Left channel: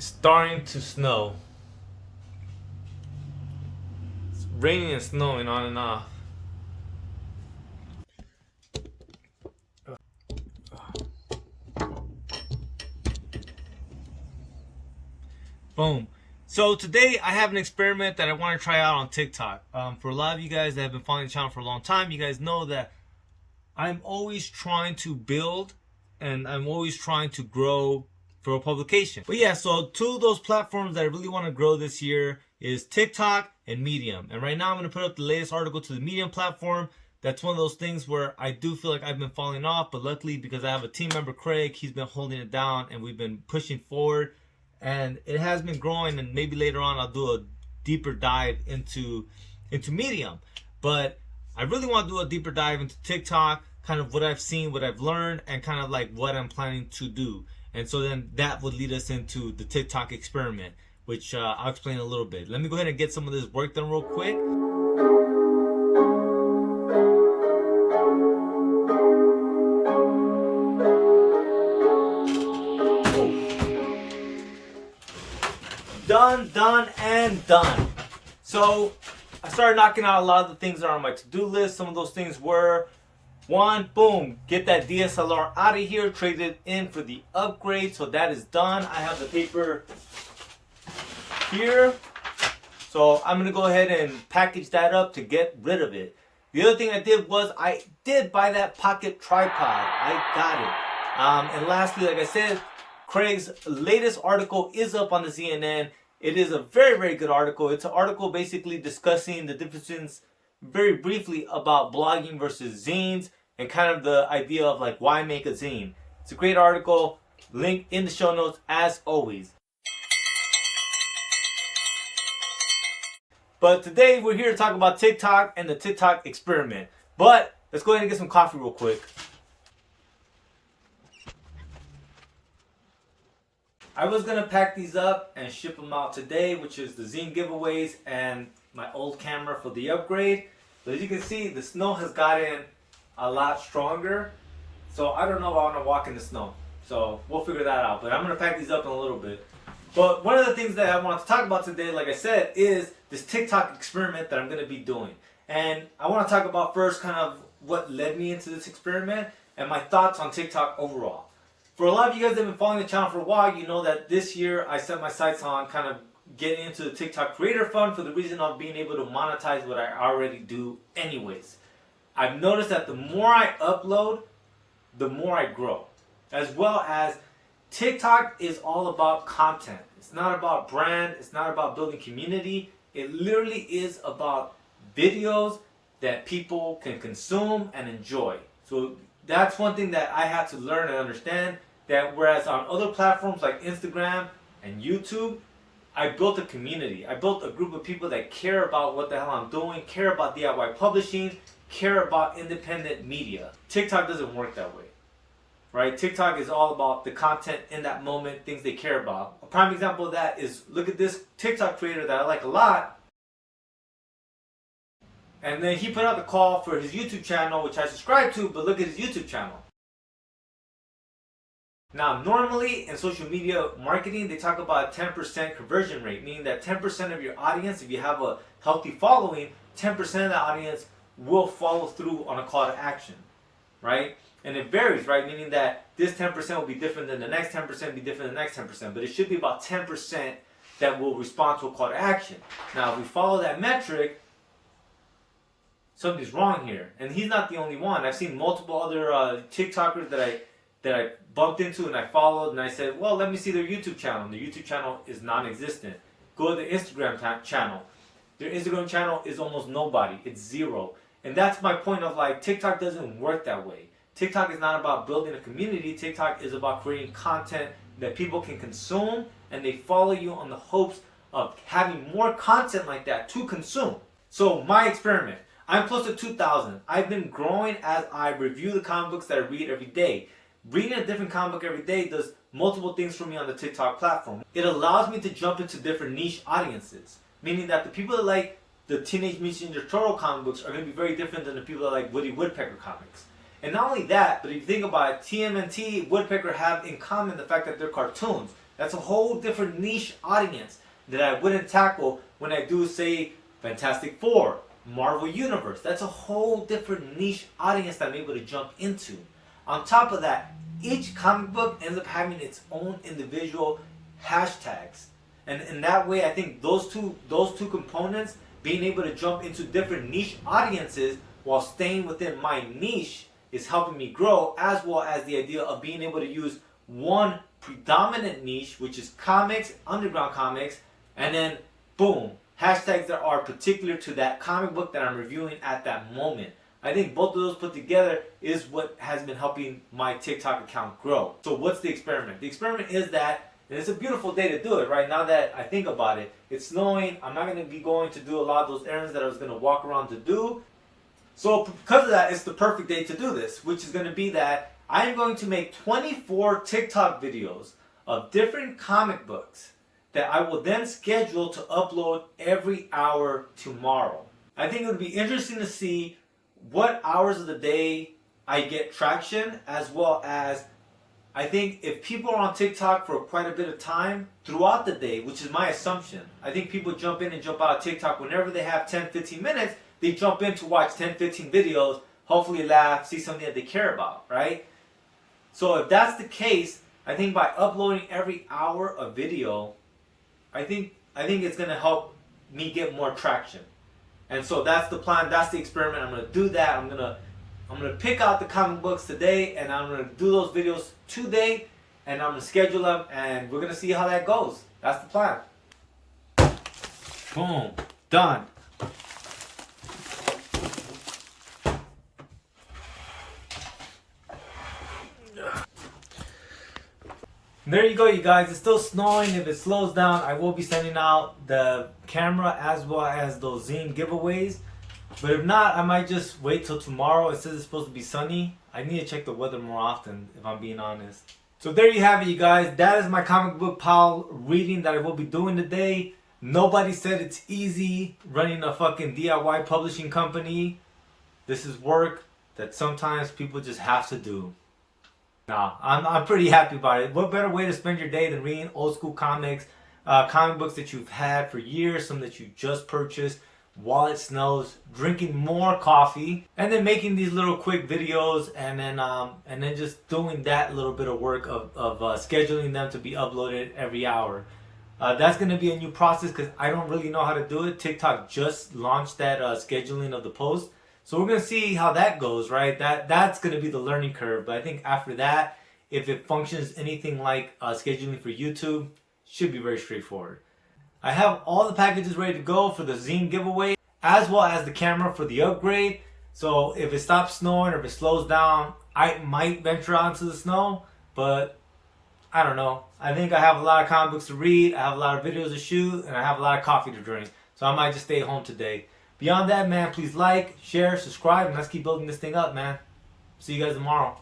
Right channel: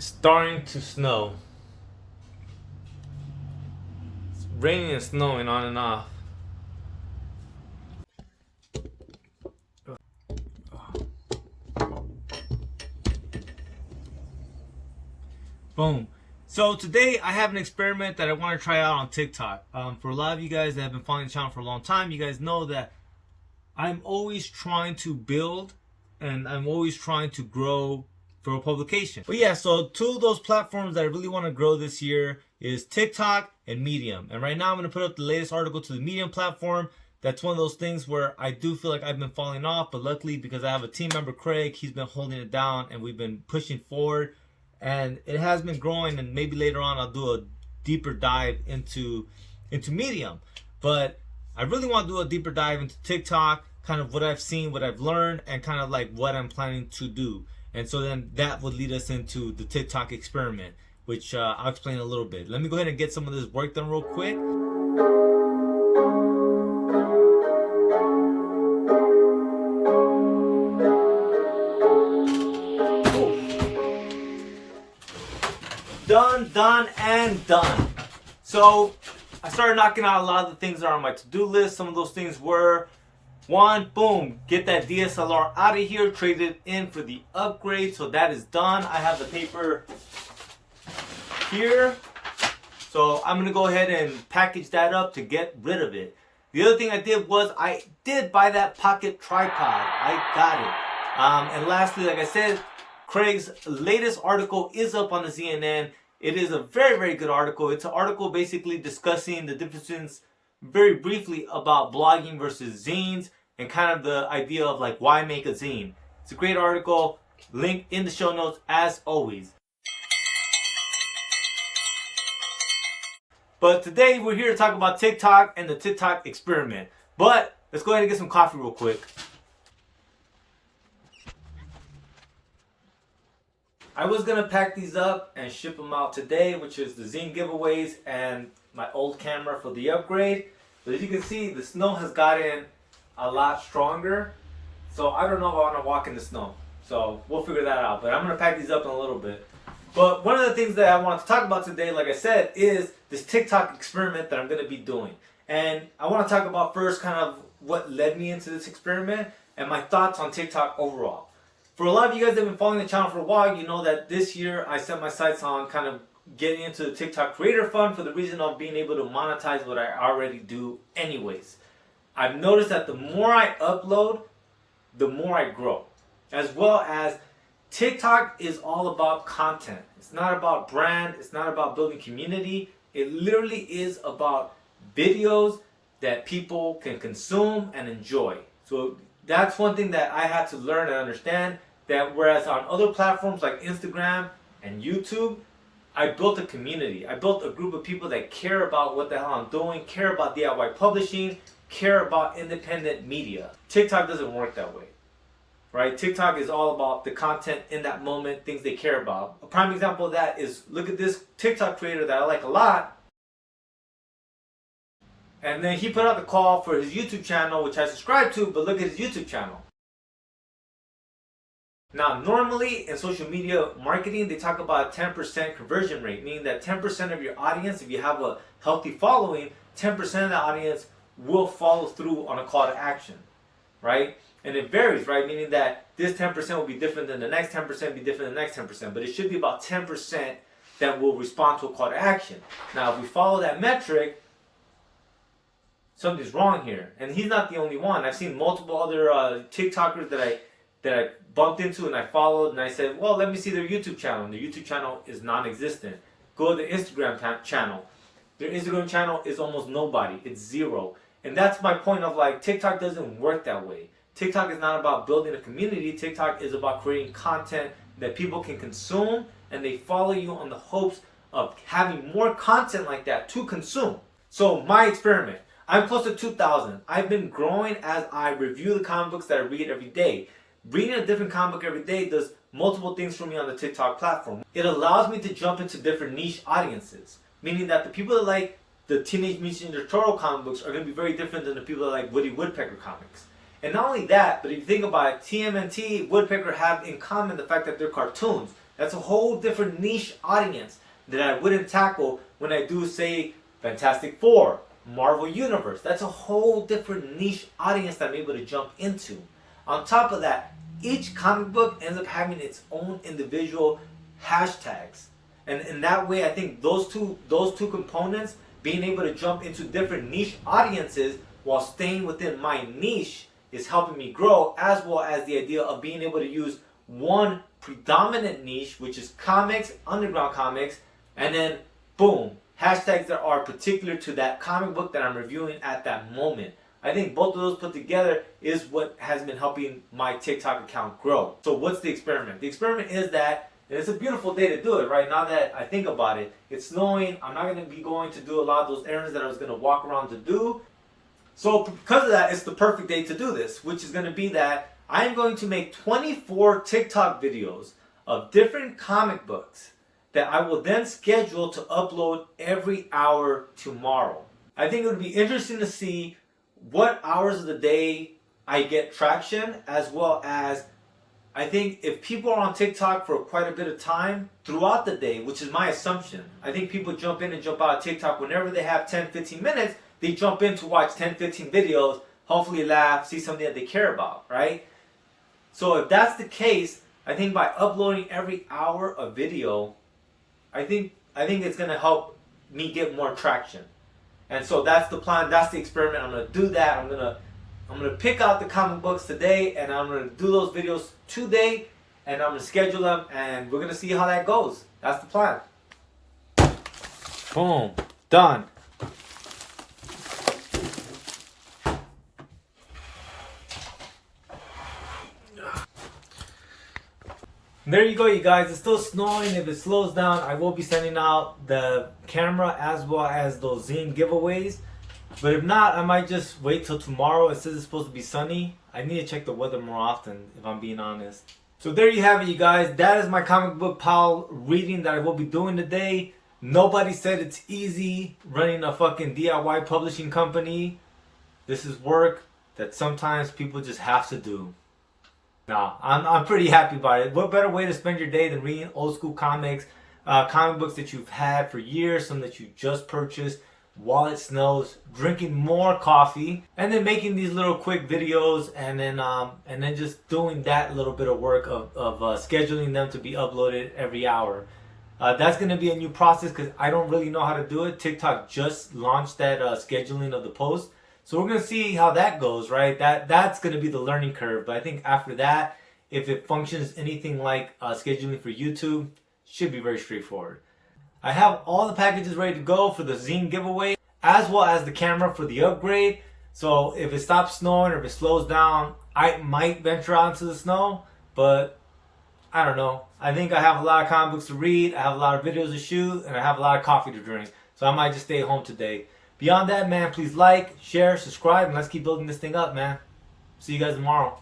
Starting to snow. It's raining and snowing on and off. Boom. So today I have an experiment that I want to try out on TikTok. For a lot of you guys that have been following the channel for a long time, you guys know that I'm always trying to build and I'm always trying to grow for a publication. But yeah, so two of those platforms that I really want to grow this year is TikTok and Medium. And right now I'm going to put up the latest article to the Medium platform. That's one of those things where I do feel like I've been falling off, but luckily because I have a team member, Craig, he's been holding it down and we've been pushing forward and it has been growing, and maybe later on I'll do a deeper dive into Medium. But I really want to do a deeper dive into TikTok, kind of what I've seen, what I've learned, and kind of like what I'm planning to do. And so then that would lead us into the TikTok experiment, which I'll explain a little bit. Let me go ahead and get some of this work done real quick. Done, and done. So I started knocking out a lot of the things that are on my to-do list. Some of those things were, one, boom, get that DSLR out of here, trade it in for the upgrade. So that is done. I have the paper here. So I'm gonna go ahead and package that up to get rid of it. The other thing I did was I did buy that pocket tripod. I got it. And lastly, like I said, Craig's latest article is up on the Zine. It is a very, very good article. It's an article basically discussing the differences very briefly about blogging versus zines and kind of the idea of like why make a zine. It's a great article. Link in the show notes as always. But today we're here to talk about TikTok and the TikTok experiment. But let's go ahead and get some coffee real quick. I was gonna pack these up and ship them out today, which is the Zine giveaways and my old camera for the upgrade. But as you can see, the snow has gotten a lot stronger. So I don't know if I wanna walk in the snow. So we'll figure that out. But I'm gonna pack these up in a little bit. But one of the things that I want to talk about today, like I said, is this TikTok experiment that I'm gonna be doing. And I wanna talk about first kind of what led me into this experiment and my thoughts on TikTok overall. For a lot of you guys that have been following the channel for a while, you know that this year I set my sights on kind of getting into the TikTok Creator Fund for the reason of being able to monetize what I already do anyways. I've noticed that the more I upload, the more I grow. As well as TikTok is all about content. It's not about brand. It's not about building community. It literally is about videos that people can consume and enjoy. So that's one thing that I had to learn and understand. That whereas on other platforms like Instagram and YouTube, I built a community. I built a group of people that care about what the hell I'm doing, care about DIY publishing, care about independent media. TikTok doesn't work that way, right? TikTok is all about the content in that moment, things they care about. A prime example of that is, look at this TikTok creator that I like a lot. And then he put out the call for his YouTube channel, which I subscribe to, but look at his YouTube channel. Now, normally in social media marketing, they talk about a 10% conversion rate, meaning that 10% of your audience, if you have a healthy following, 10% of the audience will follow through on a call to action, right? And it varies, right? Meaning that this 10% will be different than the next 10%, be different than the next 10%, but it should be about 10% that will respond to a call to action. Now, if we follow that metric, something's wrong here. And he's not the only one. I've seen multiple other TikTokers that I bumped into and I followed, and I said, well, let me see their YouTube channel. And their YouTube channel is non-existent. Go to their Instagram channel. Their Instagram channel is almost nobody. It's zero. And that's my point of like, TikTok doesn't work that way. TikTok is not about building a community. TikTok is about creating content that people can consume, and they follow you on the hopes of having more content like that to consume. So my experiment, I'm close to 2,000. I've been growing as I review the comic books that I read every day. Reading a different comic book every day does multiple things for me on the TikTok platform. It allows me to jump into different niche audiences, meaning that the people that like the Teenage Mutant Ninja Turtle comic books are going to be very different than the people that like Woody Woodpecker comics. And not only that, but if you think about it, TMNT, Woodpecker have in common the fact that they're cartoons. That's a whole different niche audience that I wouldn't tackle when I do, say, Fantastic Four, Marvel Universe. That's a whole different niche audience that I'm able to jump into. On top of that, each comic book ends up having its own individual hashtags. And in that way, I think those two components, being able to jump into different niche audiences while staying within my niche, is helping me grow, as well as the idea of being able to use one predominant niche, which is comics, underground comics, and then boom, hashtags that are particular to that comic book that I'm reviewing at that moment. I think both of those put together is what has been helping my TikTok account grow. So what's the experiment? The experiment is that, and it's a beautiful day to do it right now that I think about it. It's snowing. I'm not going to be going to do a lot of those errands that I was going to walk around to do. So because of that, it's the perfect day to do this, which is going to be that I am going to make 24 TikTok videos of different comic books that I will then schedule to upload every hour tomorrow. I think it would be interesting to see what hours of the day I get traction, as well as I think if people are on TikTok for quite a bit of time throughout the day, which is my assumption. I think people jump in and jump out of TikTok whenever they have 10, 15 minutes. They jump in to watch 10, 15 videos, hopefully laugh, see something that they care about, right? So if that's the case, I think by uploading every hour a video, I think it's going to help me get more traction. And so that's the plan, that's the experiment. I'm going to do that. I'm going to pick out the comic books today, and I'm going to do those videos today, and I'm going to schedule them, and we're going to see how that goes. That's the plan. Boom. Done. There you go, you guys. It's still snowing. If it slows down, I will be sending out the camera as well as those Zine giveaways. But if not, I might just wait till tomorrow. It says it's supposed to be sunny. I need to check the weather more often, if I'm being honest. So there you have it, you guys. That is my comic book pile reading that I will be doing today. Nobody said it's easy running a fucking DIY publishing company. This is work that sometimes people just have to do. Nah, I'm pretty happy about it. What better way to spend your day than reading old school comics, comic books that you've had for years, some that you just purchased while it snows, drinking more coffee, and then making these little quick videos, and then just doing that little bit of work of scheduling them to be uploaded every hour. That's going to be a new process because I don't really know how to do it. TikTok just launched that scheduling of the post. So we're going to see how that goes, right? That's going to be the learning curve. But I think after that, if it functions anything like scheduling for YouTube, should be very straightforward. I have all the packages ready to go for the Zine giveaway, as well as the camera for the upgrade. So if it stops snowing or if it slows down, I might venture out into the snow. But I don't know. I think I have a lot of comic books to read, I have a lot of videos to shoot, and I have a lot of coffee to drink. So I might just stay home today. Beyond that, man, please like, share, subscribe, and let's keep building this thing up, man. See you guys tomorrow.